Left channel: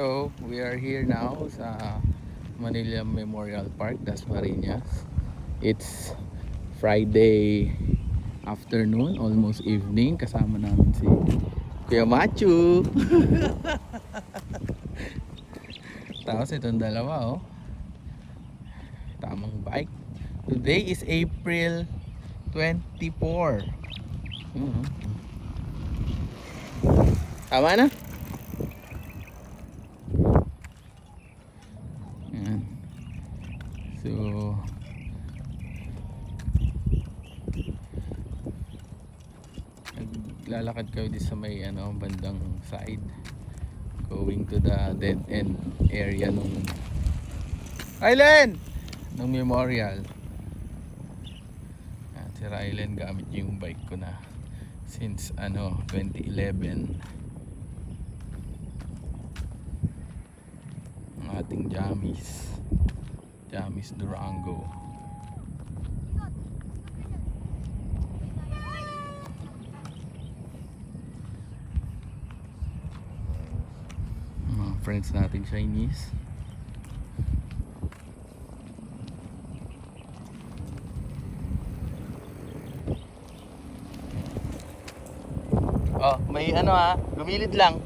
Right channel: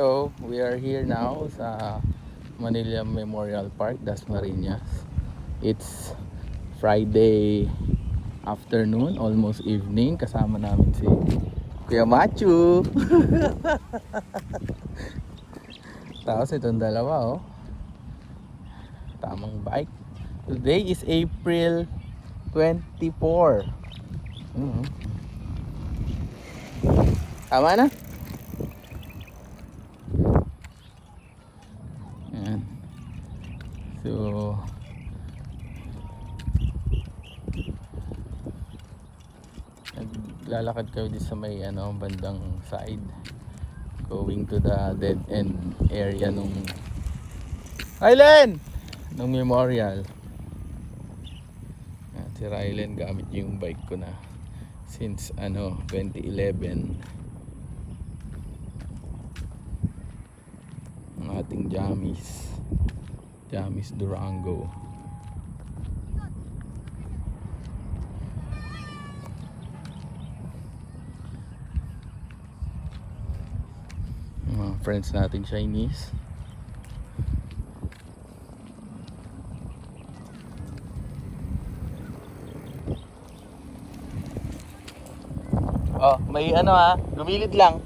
Hello, we are here now sa Manila Memorial Park, Dasmariñas. It's Friday afternoon, almost evening. Kasama namin si Kuya Machu. Tapos itong dalawa, oh. Tamang bike. Today is April 24. Tama na? Ayan. So naglalakad kayo di sa may bandang side, going to the dead end area nung island nung memorial. Ayan, si Rylen gamit yung bike ko na since 2011. Ang ating Jamis Durango. Friends natin Chinese. Oh, may gumilid lang.